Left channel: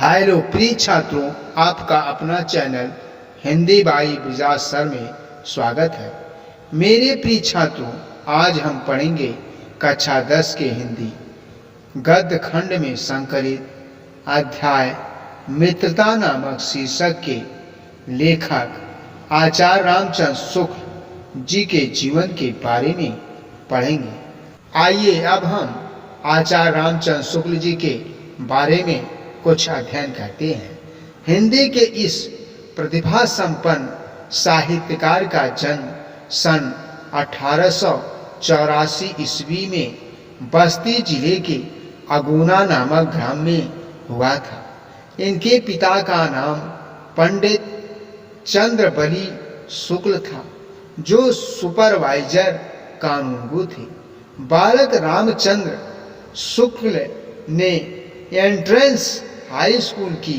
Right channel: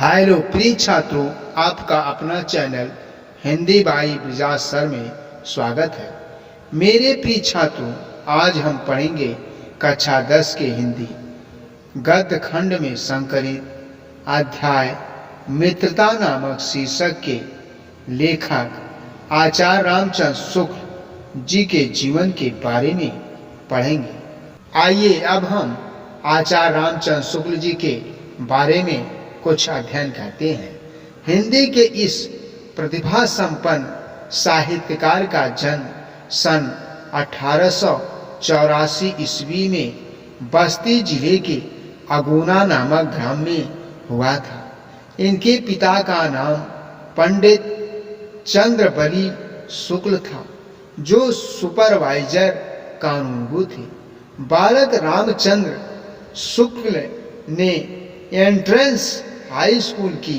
Hello प्रिय छात्रों, आपका अपना channel Hindi by Bajaj sir में स्वागत है। मेरे प्रिय छात्रों, आज हम पढ़ेंगे कक्षा 10 के हिंदी गद्य खंड में संकलित अध्याय मित्रता नामक शीर्षक के लेखक आचार्य रामचंद्र शुक्ल जी के जीवन के बारे में पढ़ेंगे। आइए अब हम आचार्य रामचंद्र शुक्ल जी के बारे में कुछ अध्ययन करते हैं। हिंदी के इस प्रतिभा संपन्न साहित्यकार का जन्म सन 1884 ईस्वी में बस्ती जिले के अगुना नामक ग्राम में हुआ था। इनके पिता का नाम पंडित चंद्रबली शुक्ल था, जो सुपरवाइजर कानूनगो थे। बालक रामचंद्र शुक्ल ने एंट्रेंस हाई स्कूल की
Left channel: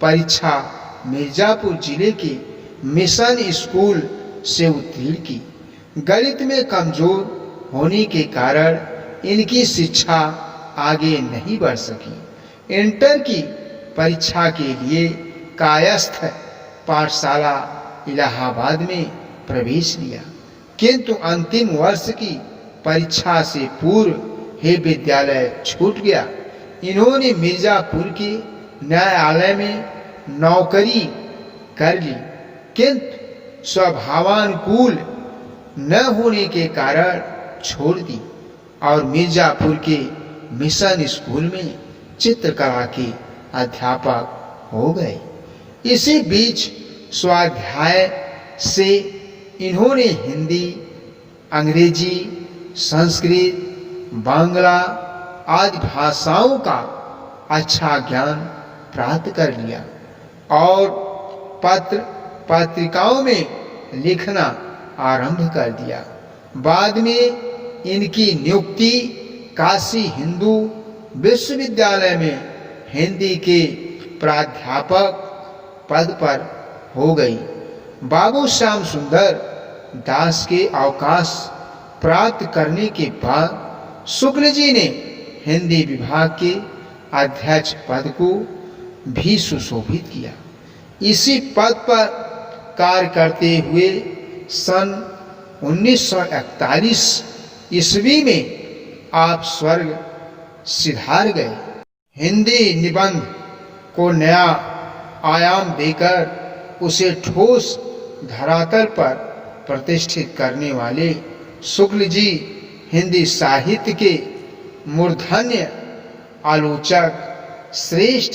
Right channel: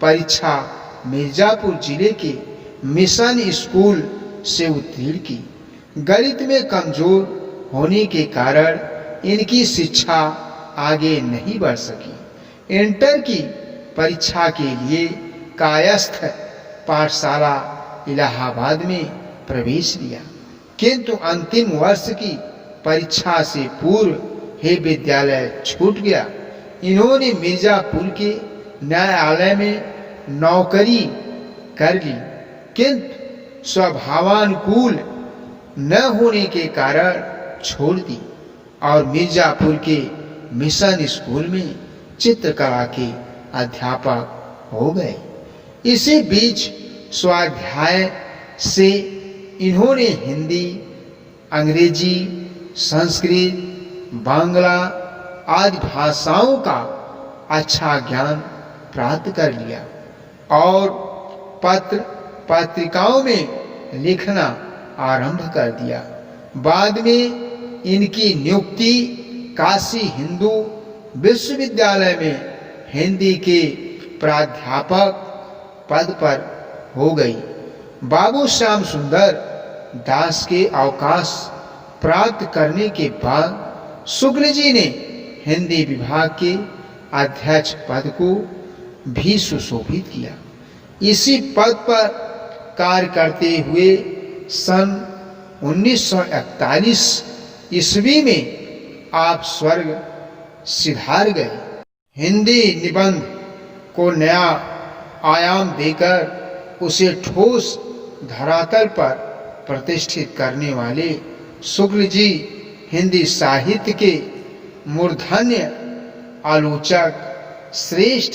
परीक्षा मिर्जापुर जिले के मिशन स्कूल से उत्तीर्ण की। गणित में कमजोर होने के कारण इनकी शिक्षा आगे नहीं बढ़ सकी। इंटर की परीक्षा के लिए कायस्थ पाठशाला इलाहाबाद में प्रवेश लिया, किंतु अंतिम वर्ष की परीक्षा से पूर्व ही विद्यालय छूट गया। इन्होंने मिर्जापुर के न्यायालय में नौकरी कर ली, किंतु स्वभावानुकूल न होने के कारण छोड़ दी और मिर्जापुर के मिशन स्कूल में चित्रकला के अध्यापक हो गए। इसी बीच स्वाध्याय से इन्होंने हिंदी, अंग्रेजी, संस्कृत, बांग्ला आदि भाषाओं का अच्छा ज्ञान प्राप्त कर लिया और पत्र पत्रिकाओं में लिखना आरंभ कर दिया। बाद में इनकी नियुक्ति काशी हिंदू विश्वविद्यालय में हिंदी के प्राध्यापक पद पर हो गई। बाबू श्याम सुंदर दास के अवकाश प्राप्त करने के बाद शुक्ल जी ने हिंदी विभाग के अध्यक्ष पद को भी सुशोभित किया। इसी पद पर कार्य करते हुए सन 1941 ईस्वी में आप स्वर्ग सिधार गए। हिंदी निबंध को नया आयाम देकर उसे ठोस धरातल पर प्रतिष्ठित करने वाले शुक्ल जी हिंदी साहित्य के मूर्धन्य आलोचक, श्रेष्ठ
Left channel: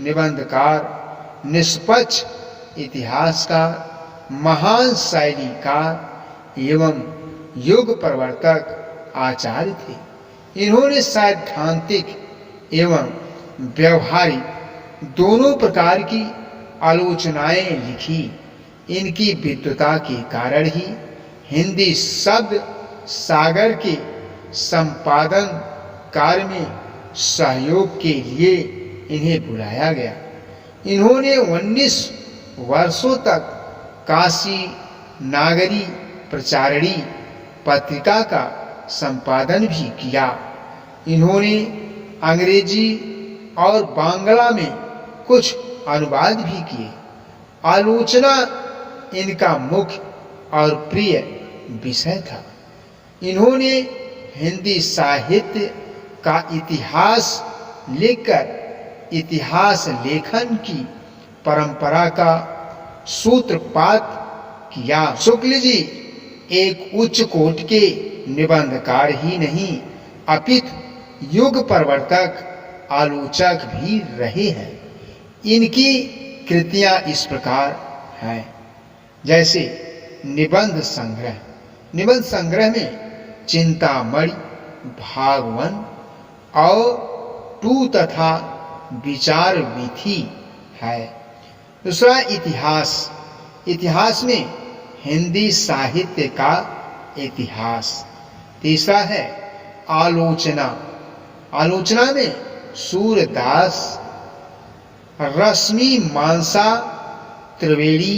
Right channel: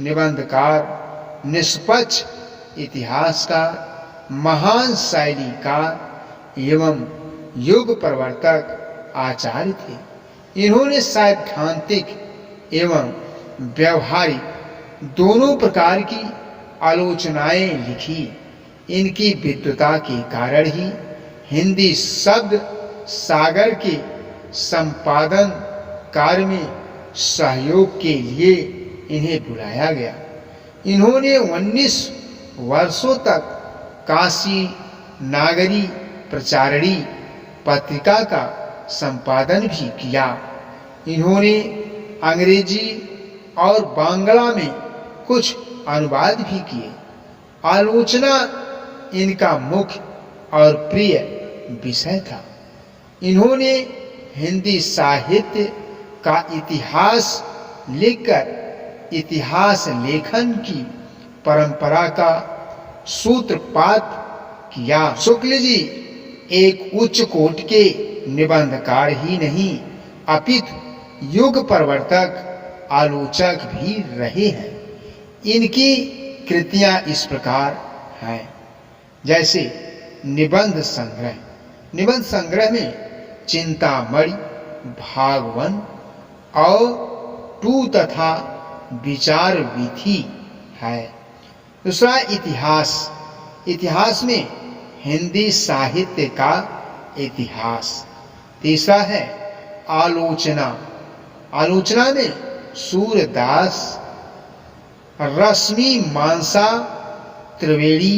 निबंधकार, निष्पक्ष इतिहासकार, महान शैलीकार एवं युग प्रवर्तक आचार्य थे। इन्होंने सैद्धांतिक एवं व्यवहारिक दोनों प्रकार की आलोचनाएं लिखी। इनकी विद्वता के कारण ही हिंदी शब्द सागर के संपादन कार्य में सहयोग के लिए इन्हें बुलाया गया। इन्होंने 19 वर्षों तक काशी नागरी प्रचारणी पत्रिका का संपादन भी किया। इन्होंने अंग्रेजी और बांग्ला में कुछ अनुवाद भी किए। आलोचना इनका मुख्य और प्रिय विषय था। इन्होंने हिंदी साहित्य का इतिहास लिखकर इतिहास लेखन की परंपरा का सूत्रपात किया। शुक्ल जी एक उच्च कोटि के निबंधकार ही नहीं, अपितु युग प्रवर्तक आलोचक भी रहे हैं। इनकी कृतियां इस प्रकार हैं, जैसे निबंध संग्रह। निबंध संग्रह में चिंतामणि, भागवन और टू तथा विचार विधि है। दूसरा इतिहास। इतिहास में हिंदी साहित्य का इतिहास। तीसरा है आलोचना। आलोचना में सूरदास, रश्मि मानसा त्रिवेणी।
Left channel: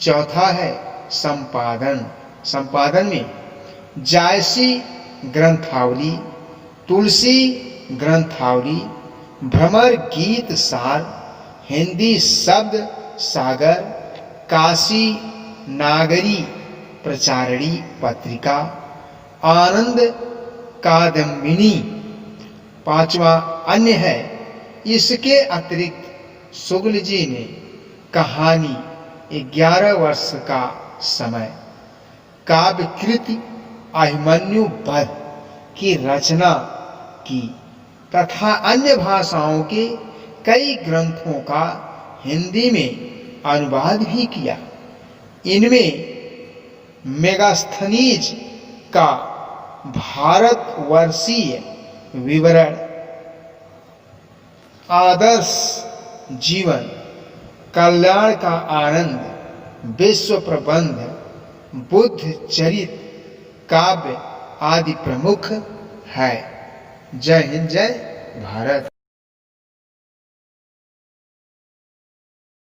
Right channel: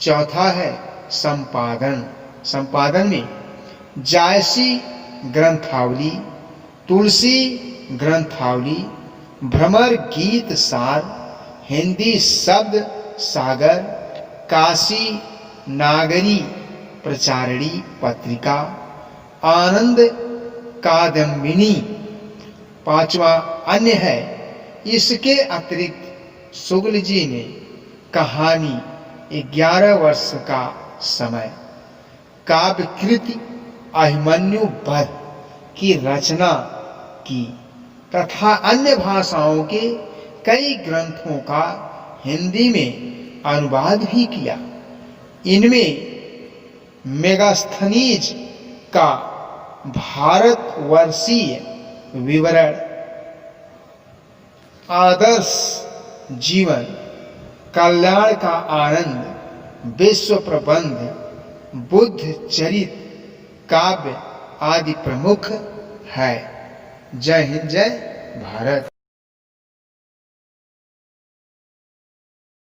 चौथा है संपादन। संपादन में जायसी ग्रंथावली, तुलसी ग्रंथावली, भ्रमर गीत सार, हिंदी शब्द सागर, काशी नागरी प्रचारणी पत्रिका, आनंद कादम्बिनी पांचवा अन्य है। इसके अतिरिक्त शुक्ल जी ने कहानी 11 वर्ष का समय, काव्यकृति अभिमन्यु वध की रचना की तथा अन्य भाषाओं के कई ग्रंथों का हिंदी में अनुवाद भी किया। इनमें मेगास्थनीज का भारतवर्षीय विवरण, आदर्श जीवन, कल्याण का आनंद, विश्व प्रबंध, बुद्ध चरित काव्य आदि प्रमुख है। जय हिंद, जय भारत।